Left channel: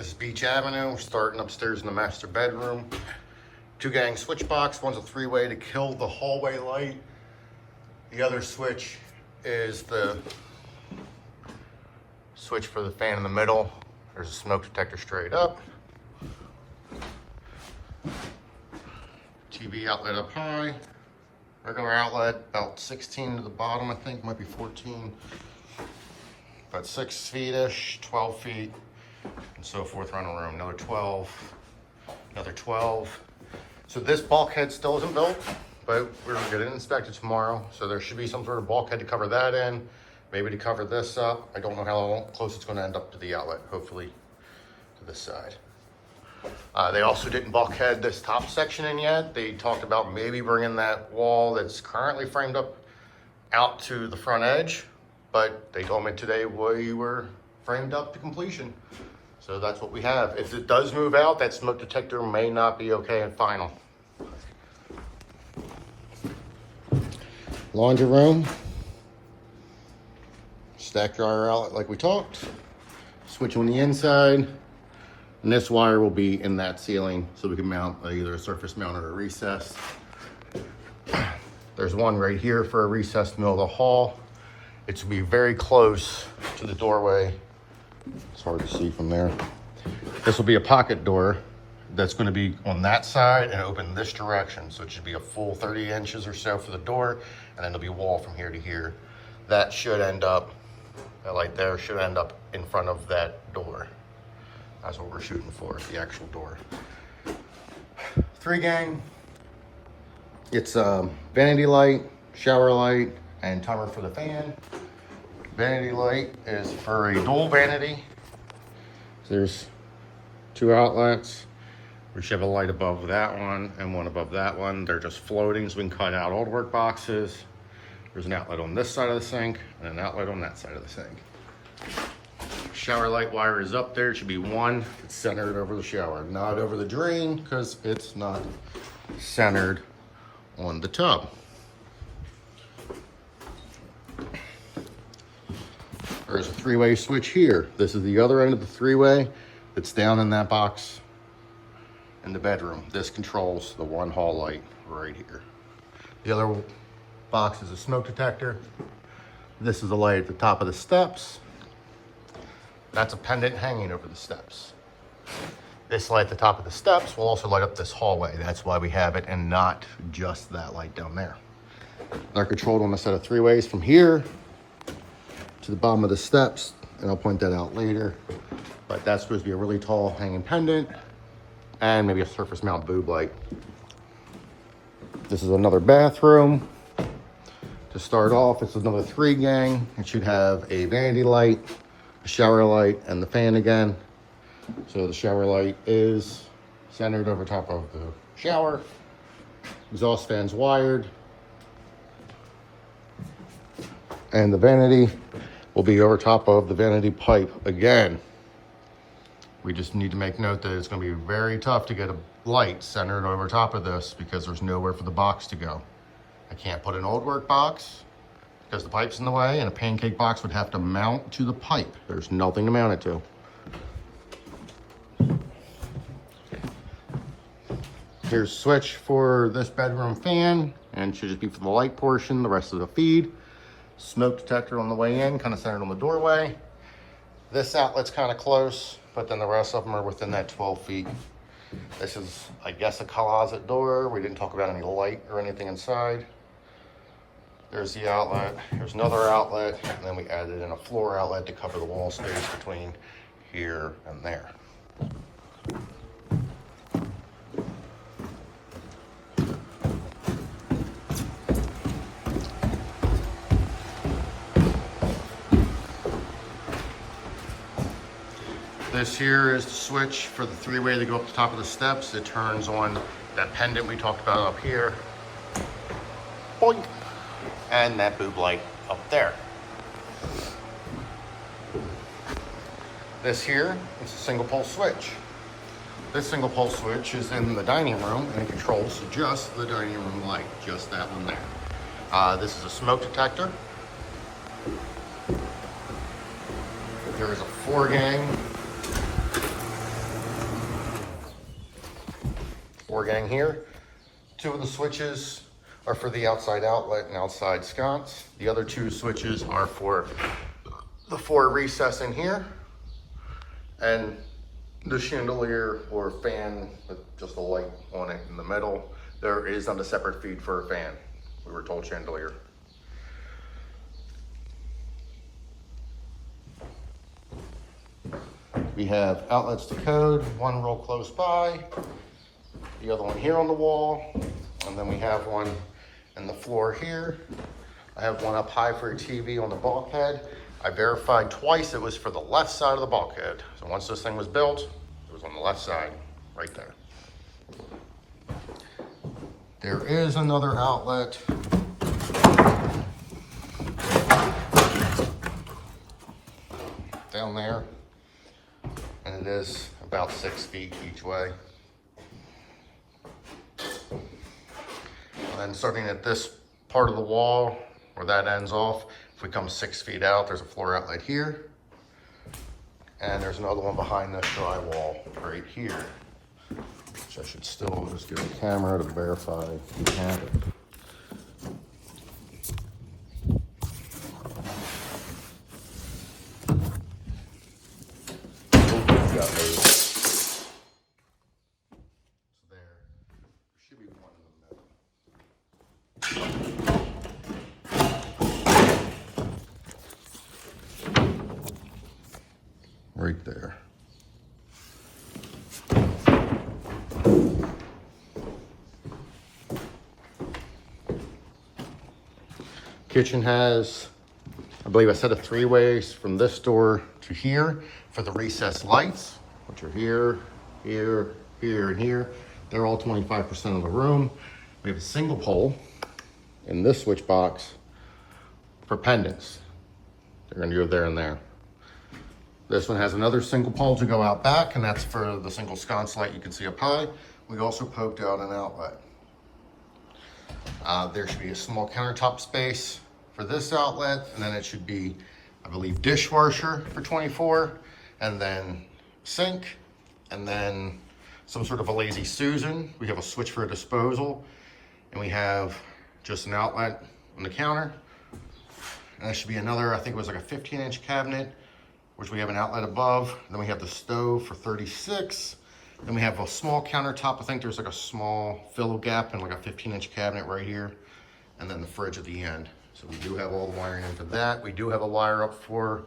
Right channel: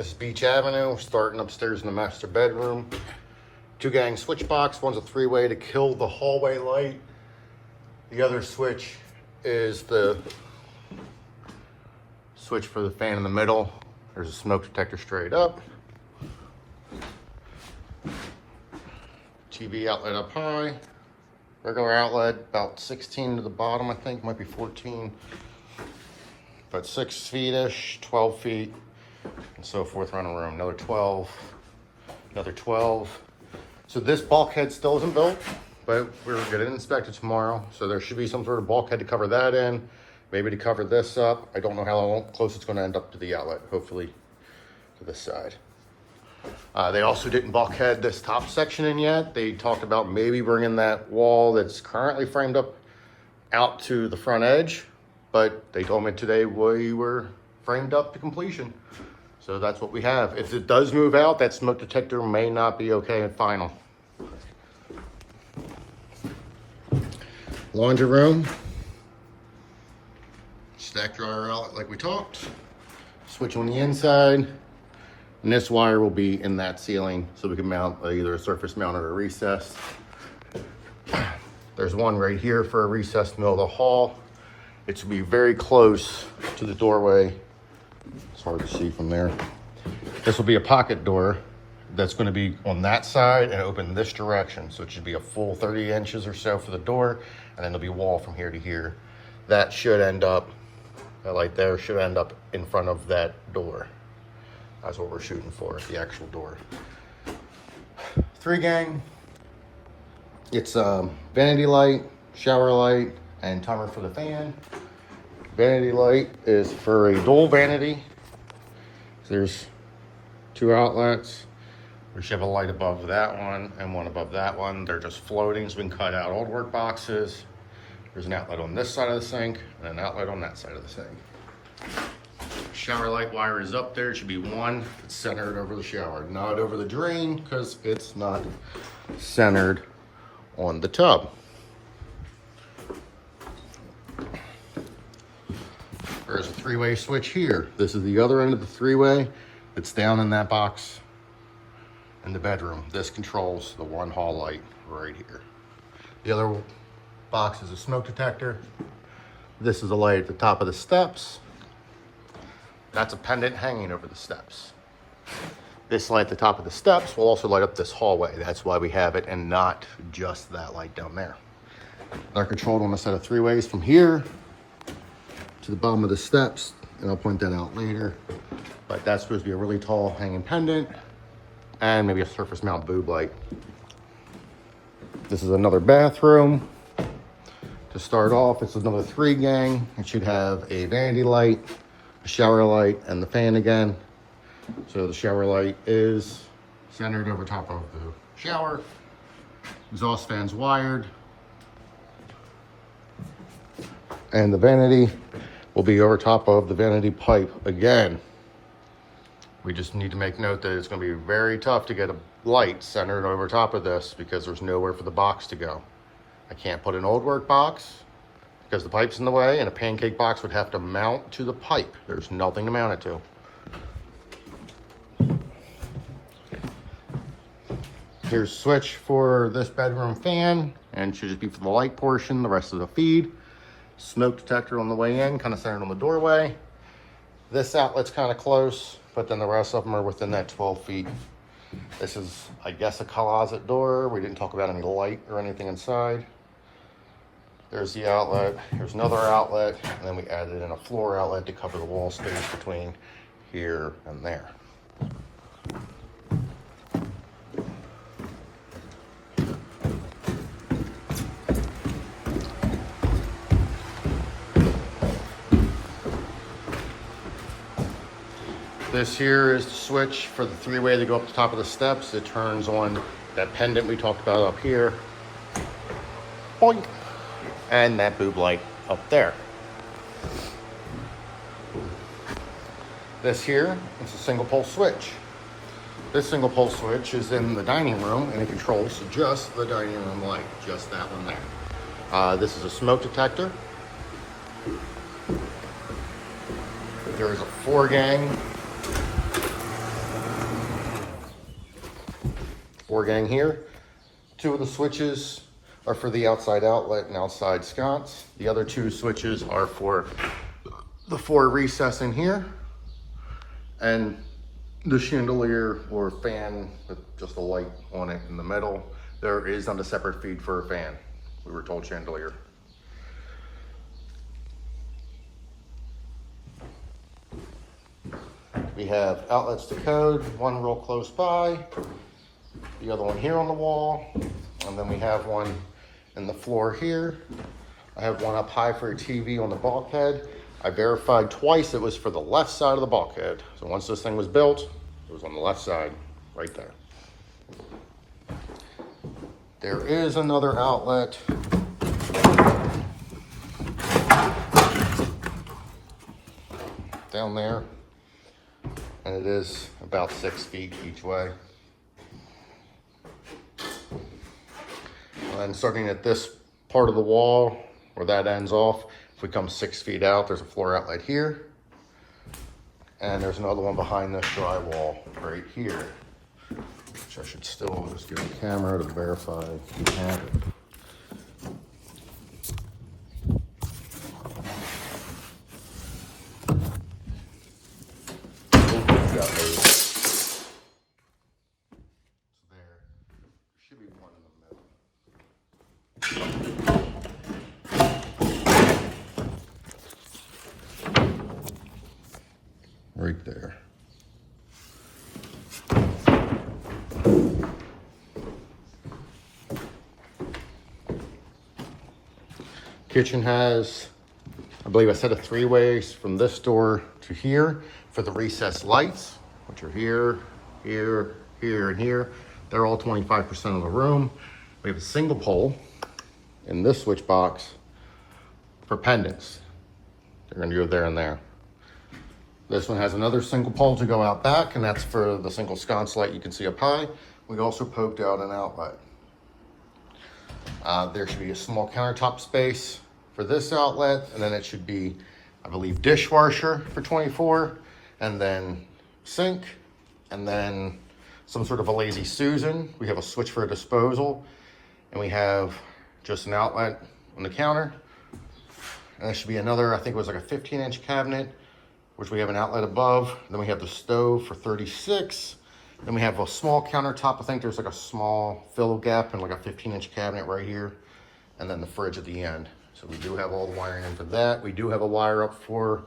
This is Beach Avenue, starting upstairs in the master bedroom. 2-gang switch box. One's a 3-way to kill the hallway light. The other switch is the switch for the fan in the middle. There's a smoke detector straight up. TV outlet up high. Regular outlet about 16 to the bottom, I think, might be 14. About 6 feet-ish, 12 feet, and so forth around the room. Another 12, another 12. So this bulkhead still isn't built, but we're gonna get it inspected tomorrow. So there should be some sort of bulkhead to cover that in, maybe to cover this up. I don't know how close it's gonna end up to the outlet, hopefully to this side. They also didn't bulkhead this top section in yet. They talked about maybe bringing that wall that's currently framed up out to the front edge, but they told me today we were framed up to completion. So that's what we have. If it does move out, that smoke detector may not be okay and final. Laundry room. Stack dryer outlet like we talked. Switch on the inside. And this wire will be in that ceiling so we can mount either a surface mount or a recessed. There's one right here for a recessed middle of the hall. It's gonna be very close to the doorway. It's hard to see from there. This will be a pocket door that's gonna be on that side and open this direction. So it should be a full 30 inches or so for the door, and then there'll be a wall from here to here. That should end up, that light there should end up in front of that door. That's what we're shooting for, the actual door. 3-gang. It's vanity light, shower light, and timer for the fan. Vanity light is for a dual vanity. So there's 2 outlets. We should have a light above that one and one above that one. They're just floating, so we can cut out old work boxes. There's an outlet on this side of the sink and an outlet on that side of the sink. Shower light wire is up there. It should be one. It's centered over the shower, not over the drain, because it's not centered on the tub. There's a 3-way switch here. This is the other end of the 3-way. It's down in that box in the bedroom. This controls the one hall light right here. The other box is a smoke detector. This is a light at the top of the steps. That's a pendant hanging over the steps. This light at the top of the steps will also light up this hallway. That's why we have it and not just that light down there. They're controlled on a set of 3-ways from here to the bottom of the steps, and I'll point that out later. But that's supposed to be a really tall hanging pendant and maybe a surface mount boob light. This is another bathroom. To start off, it's another 3-gang. It should have a vanity light, the shower light, and the fan again. So the shower light is centered over top of the shower. Exhaust fan's wired. And the vanity will be over top of the vanity pipe again. We just need to make note that it's going to be very tough to get a light centered over top of this because there's nowhere for the box to go. I can't put an old work box because the pipe's in the way, and a pancake box would have to mount to the pipe. There's nothing to mount it to. Here's a switch for this bedroom fan, and it should just be for the light portion, the rest of the feed. Smoke detector on the way in, kind of centered on the doorway. This outlet's kind of close, but then the rest of them are within that 12 feet. This is, I guess, a closet door. We didn't talk about any light or anything inside. There's the outlet, there's another outlet, and then we added in a floor outlet to cover the wall space between here and there. This here is the switch for the 3-way to go up the top of the steps. It turns on that pendant we talked about up here. Boink. And that boob light up there. This here is a single pole switch. This single pole switch is in the dining room, and it controls just the dining room light, just that one there. This is a smoke detector. There's a 4-gang 4 gang here. 2 of the switches are for the outside outlet and outside sconce. The other 2 switches are for the 4 recess in here, and the chandelier or fan with just a light on it in the middle. There is not a separate feed for a fan. We were told chandelier. We have outlets to code, one real close by, the other one here on the wall, and then we have one in the floor here. I have one up high for a TV on the bulkhead. I verified twice it was for the left side of the bulkhead. So once this thing was built, it was on the left side, right there. There is another outlet down there, and it is about 6 feet each way. And then starting at this part of the wall where that ends off, if we come 6 feet out, there's a floor outlet here, and there's another one behind this drywall right here, which I should still just get the camera to verify we have it. Right there. Kitchen has, I believe, a set of 3 ways from this door to here for the recessed lights, which are here, here, here, and here. They're all 25% of the room. We have a single pole in this switch box for pendants. They're gonna go there and there. This one has another single pole to go out back, and that's for the single sconce light you can see up high. We also poked out an outlet. There should be a small countertop space for this outlet, and then it should be, I believe, dishwasher for 24, and then sink, and then some sort of a lazy Susan. We have a switch for a disposal, and we have just an outlet on the counter. And there should be another, I think it was like a 15-inch cabinet, which we have an outlet above. Then we have the stove for 36. Then we have a small countertop. I think there's like a small fill gap and like a 15-inch cabinet right here. And then the fridge at the end. So we do have all the wiring into that. We do have a wire up for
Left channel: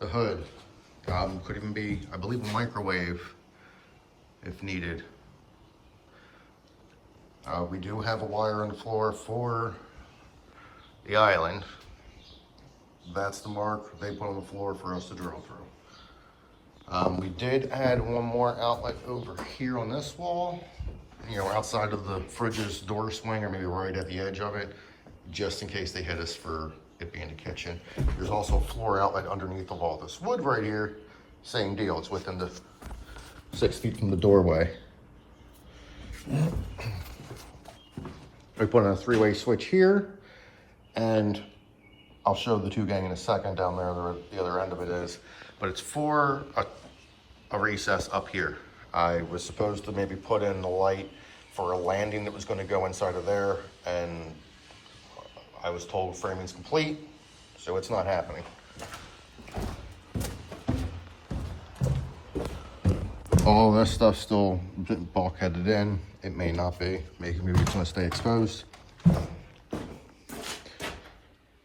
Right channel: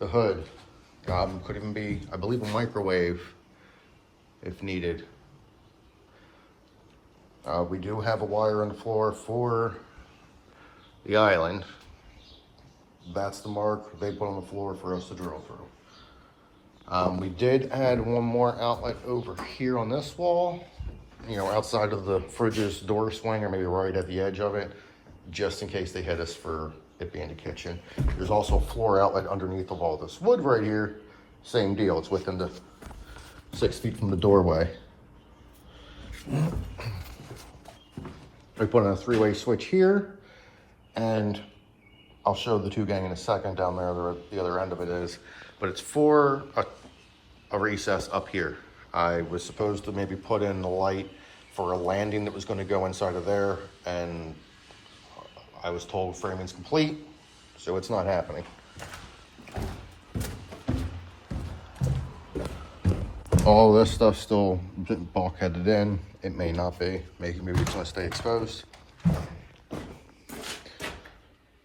the hood. Could even be, I believe, a microwave if needed. We do have a wire on the floor for the island. That's the mark they put on the floor for us to drill through. We did add one more outlet over here on this wall, you know, outside of the fridge's door swing, or maybe right at the edge of it, just in case they hit us for it being the kitchen. There's also a floor outlet underneath of all this wood right here. Same deal, it's within the 6 feet from the doorway. We put in a 3-way switch here, and I'll show the 2 gang in a second down there, the other end of it is, but it's for a recess up here. I was supposed to maybe put in the light for a landing that was going to go inside of there, and I was told framing's complete, so it's not happening. All this stuff still getting bulkheaded in. It may not be, maybe it's going to stay exposed.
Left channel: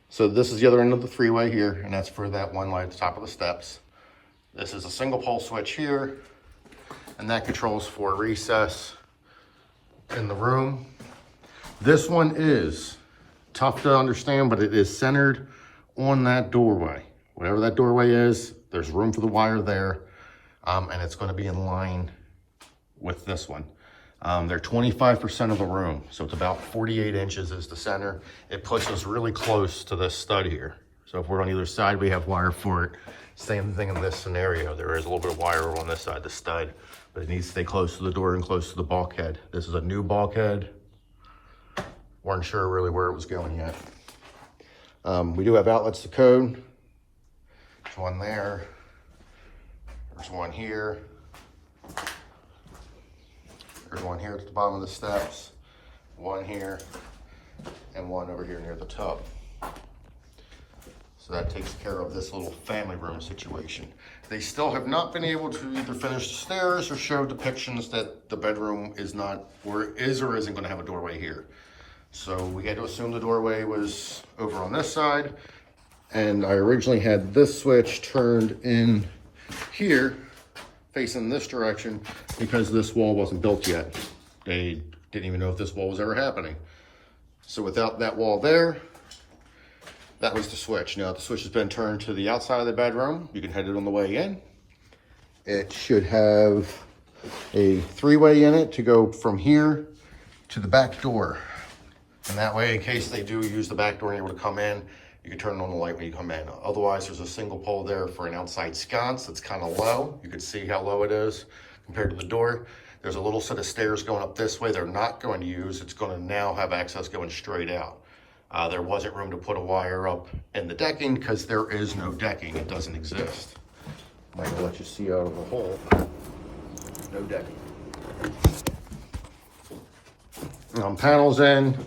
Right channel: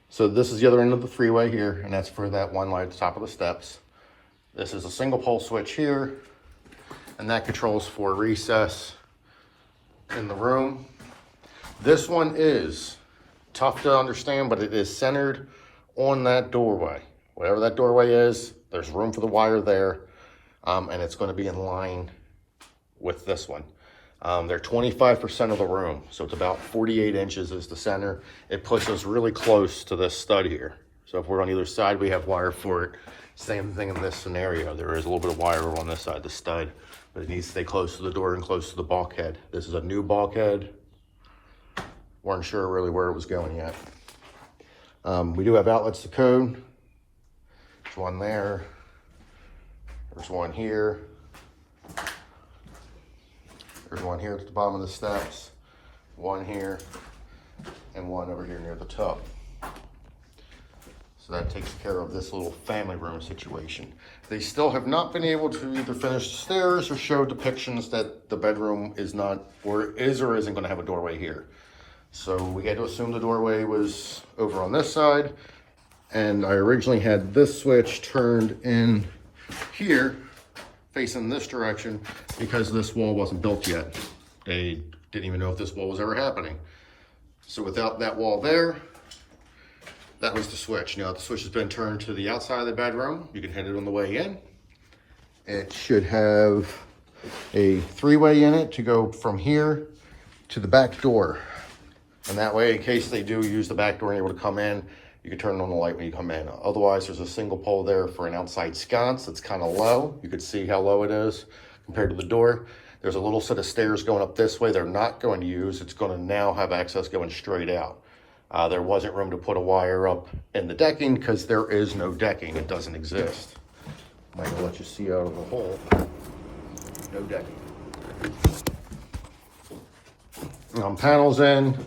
So this is the other end of the 3-way here, and that's for that one light at the top of the steps. This is a single pole switch here, and that controls for recess in the room. This one is tough to understand, but it is centered on that doorway. Whatever that doorway is, there's room for the wire there, and it's going to be in line with this one. They're 25% of the room, so it's about 48 inches is the center. It pushes really close to this stud here. So if we're on either side, we have wire for it. Same thing in this scenario. There is a little bit of wire on this side of the stud, but it needs to stay close to the door and close to the bulkhead. This is a new bulkhead. Weren't sure really where it was going yet. We do have outlets to code. There's one there. There's one here. There's one here at the bottom of the steps, one here, and one over here near the tub. So that takes care of this little family room situation. They still have not been able to either finish the stairs or show depictions that the bedroom is not, or is or isn't gonna have a doorway here. So we had to assume the doorway was over on this side. And I originally had this switch turned in here, facing this direction, because this wall wasn't built yet. They didn't even know if this wall was ever happening. So without that wall there, that was the switch. Now the switch has been turned to the outside of the bedroom. You can head it on the way in. It should have a 3-way in it to go from here to the back door. And that way, in case they do use the back door able to come in, you can turn on the light when you come in. Otherwise, there's a single pole there for an outside sconce. It's kind of low. You can see how low it is compared to the door. There's a little set of stairs going up this way they're not going to use. It's going to now have access going straight out. There wasn't room to put a wire up in the decking because there is no decking. It doesn't exist. I'm going to let you see out of the hole. No decking. Panels in.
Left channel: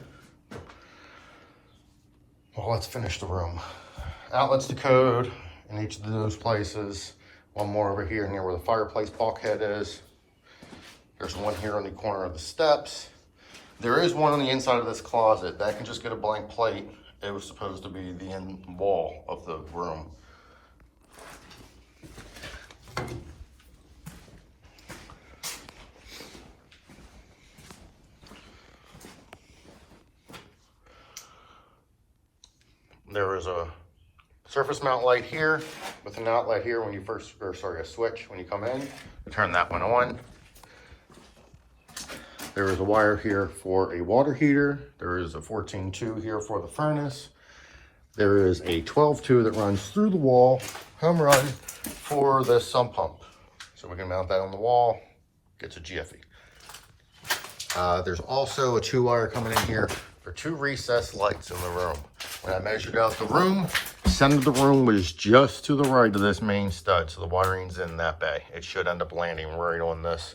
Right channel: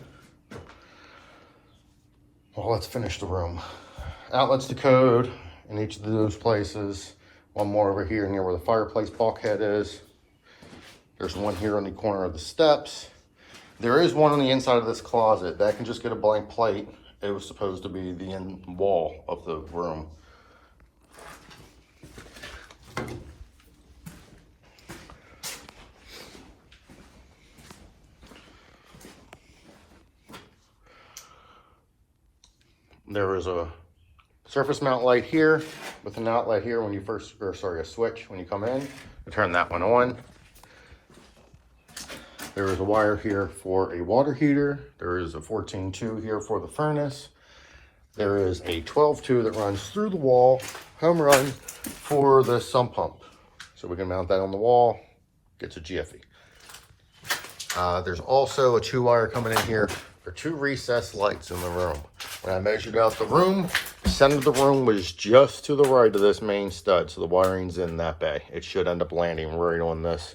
Well, let's finish the room. Outlets to code in each of those places. One more over here near where the fireplace bulkhead is. There's one here in the corner of the steps. There is one on the inside of this closet. That can just get a blank plate. It was supposed to be the end wall of the room. There is a surface mount light here with an outlet here when you first, or sorry, a switch when you come in. You turn that one on. There is a wire here for a water heater. There is a 14-2 here for the furnace. There is a 12-2 that runs through the wall, home run, for the sump pump. So we can mount that on the wall, gets a jiffy. There's also a 2-wire coming in here for 2 recessed lights in the room. And I measured out the room. The center of the room was just to the right of this main stud, so the wiring's in that bay. It should end up landing right on this,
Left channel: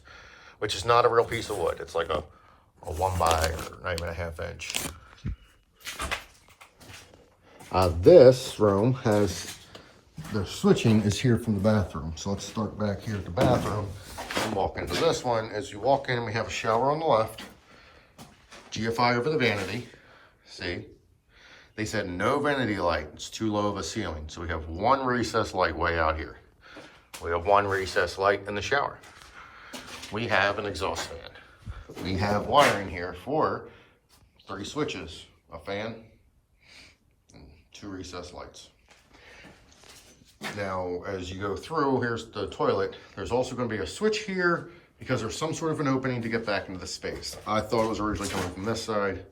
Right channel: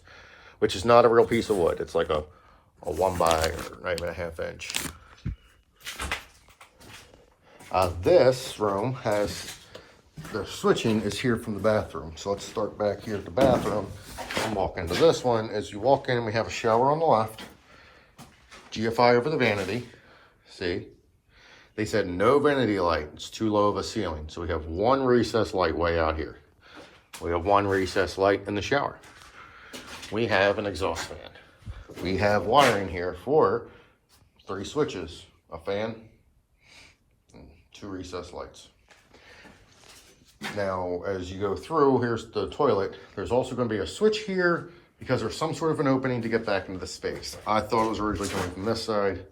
which is not a real piece of wood. It's like a 1.5 inch. This room has, the switching is here from the bathroom. So let's start back here at the bathroom and walk into this one. As you walk in, we have a shower on the left, GFI over the vanity. See? They said no vanity light. It's too low of a ceiling. So we have one recessed light way out here. We have one recessed light in the shower. We have an exhaust fan. We have wiring here for 3 switches, a fan, and 2 recessed lights. Now, as you go through, here's the toilet. There's also going to be a switch here because there's some sort of an opening to get back into the space. I thought it was originally coming from this side.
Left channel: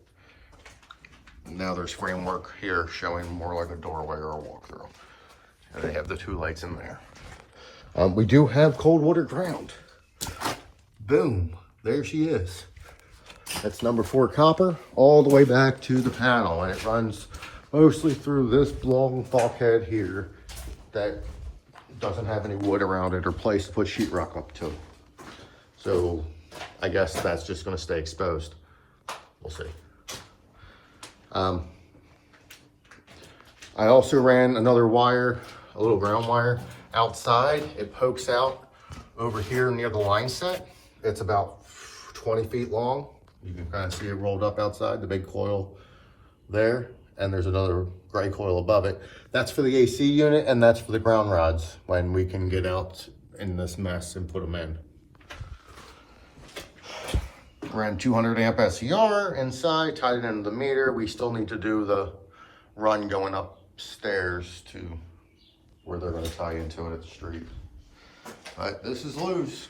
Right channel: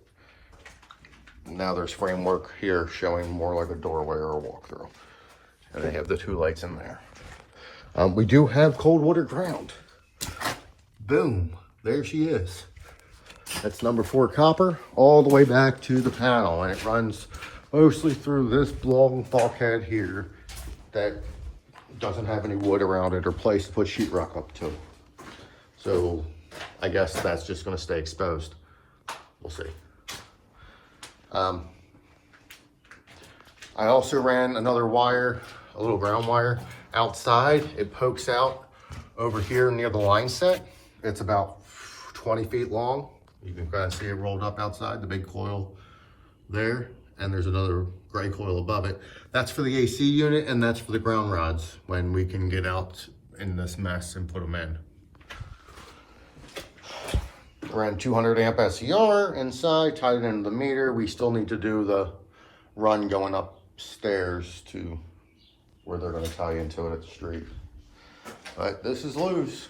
Now there's framework here showing more like a doorway or a walkthrough. And they have the 2 lights in there. We do have cold water ground. Boom, there she is. That's number 4 copper all the way back to the panel, and it runs mostly through this long bulkhead here that doesn't have any wood around it or place to put sheetrock up to. So I guess that's just going to stay exposed. We'll see. I also ran another wire, a little ground wire outside. It pokes out over here near the line set. It's about 20 feet long. You can kind of see it rolled up outside, the big coil there. And there's another gray coil above it. That's for the AC unit, and that's for the ground rods when we can get out in this mess and put them in. Run 200 amp SCR inside, tied it into the meter. We still need to do the run going upstairs to where they're going to tie into it at the street. But this is loose.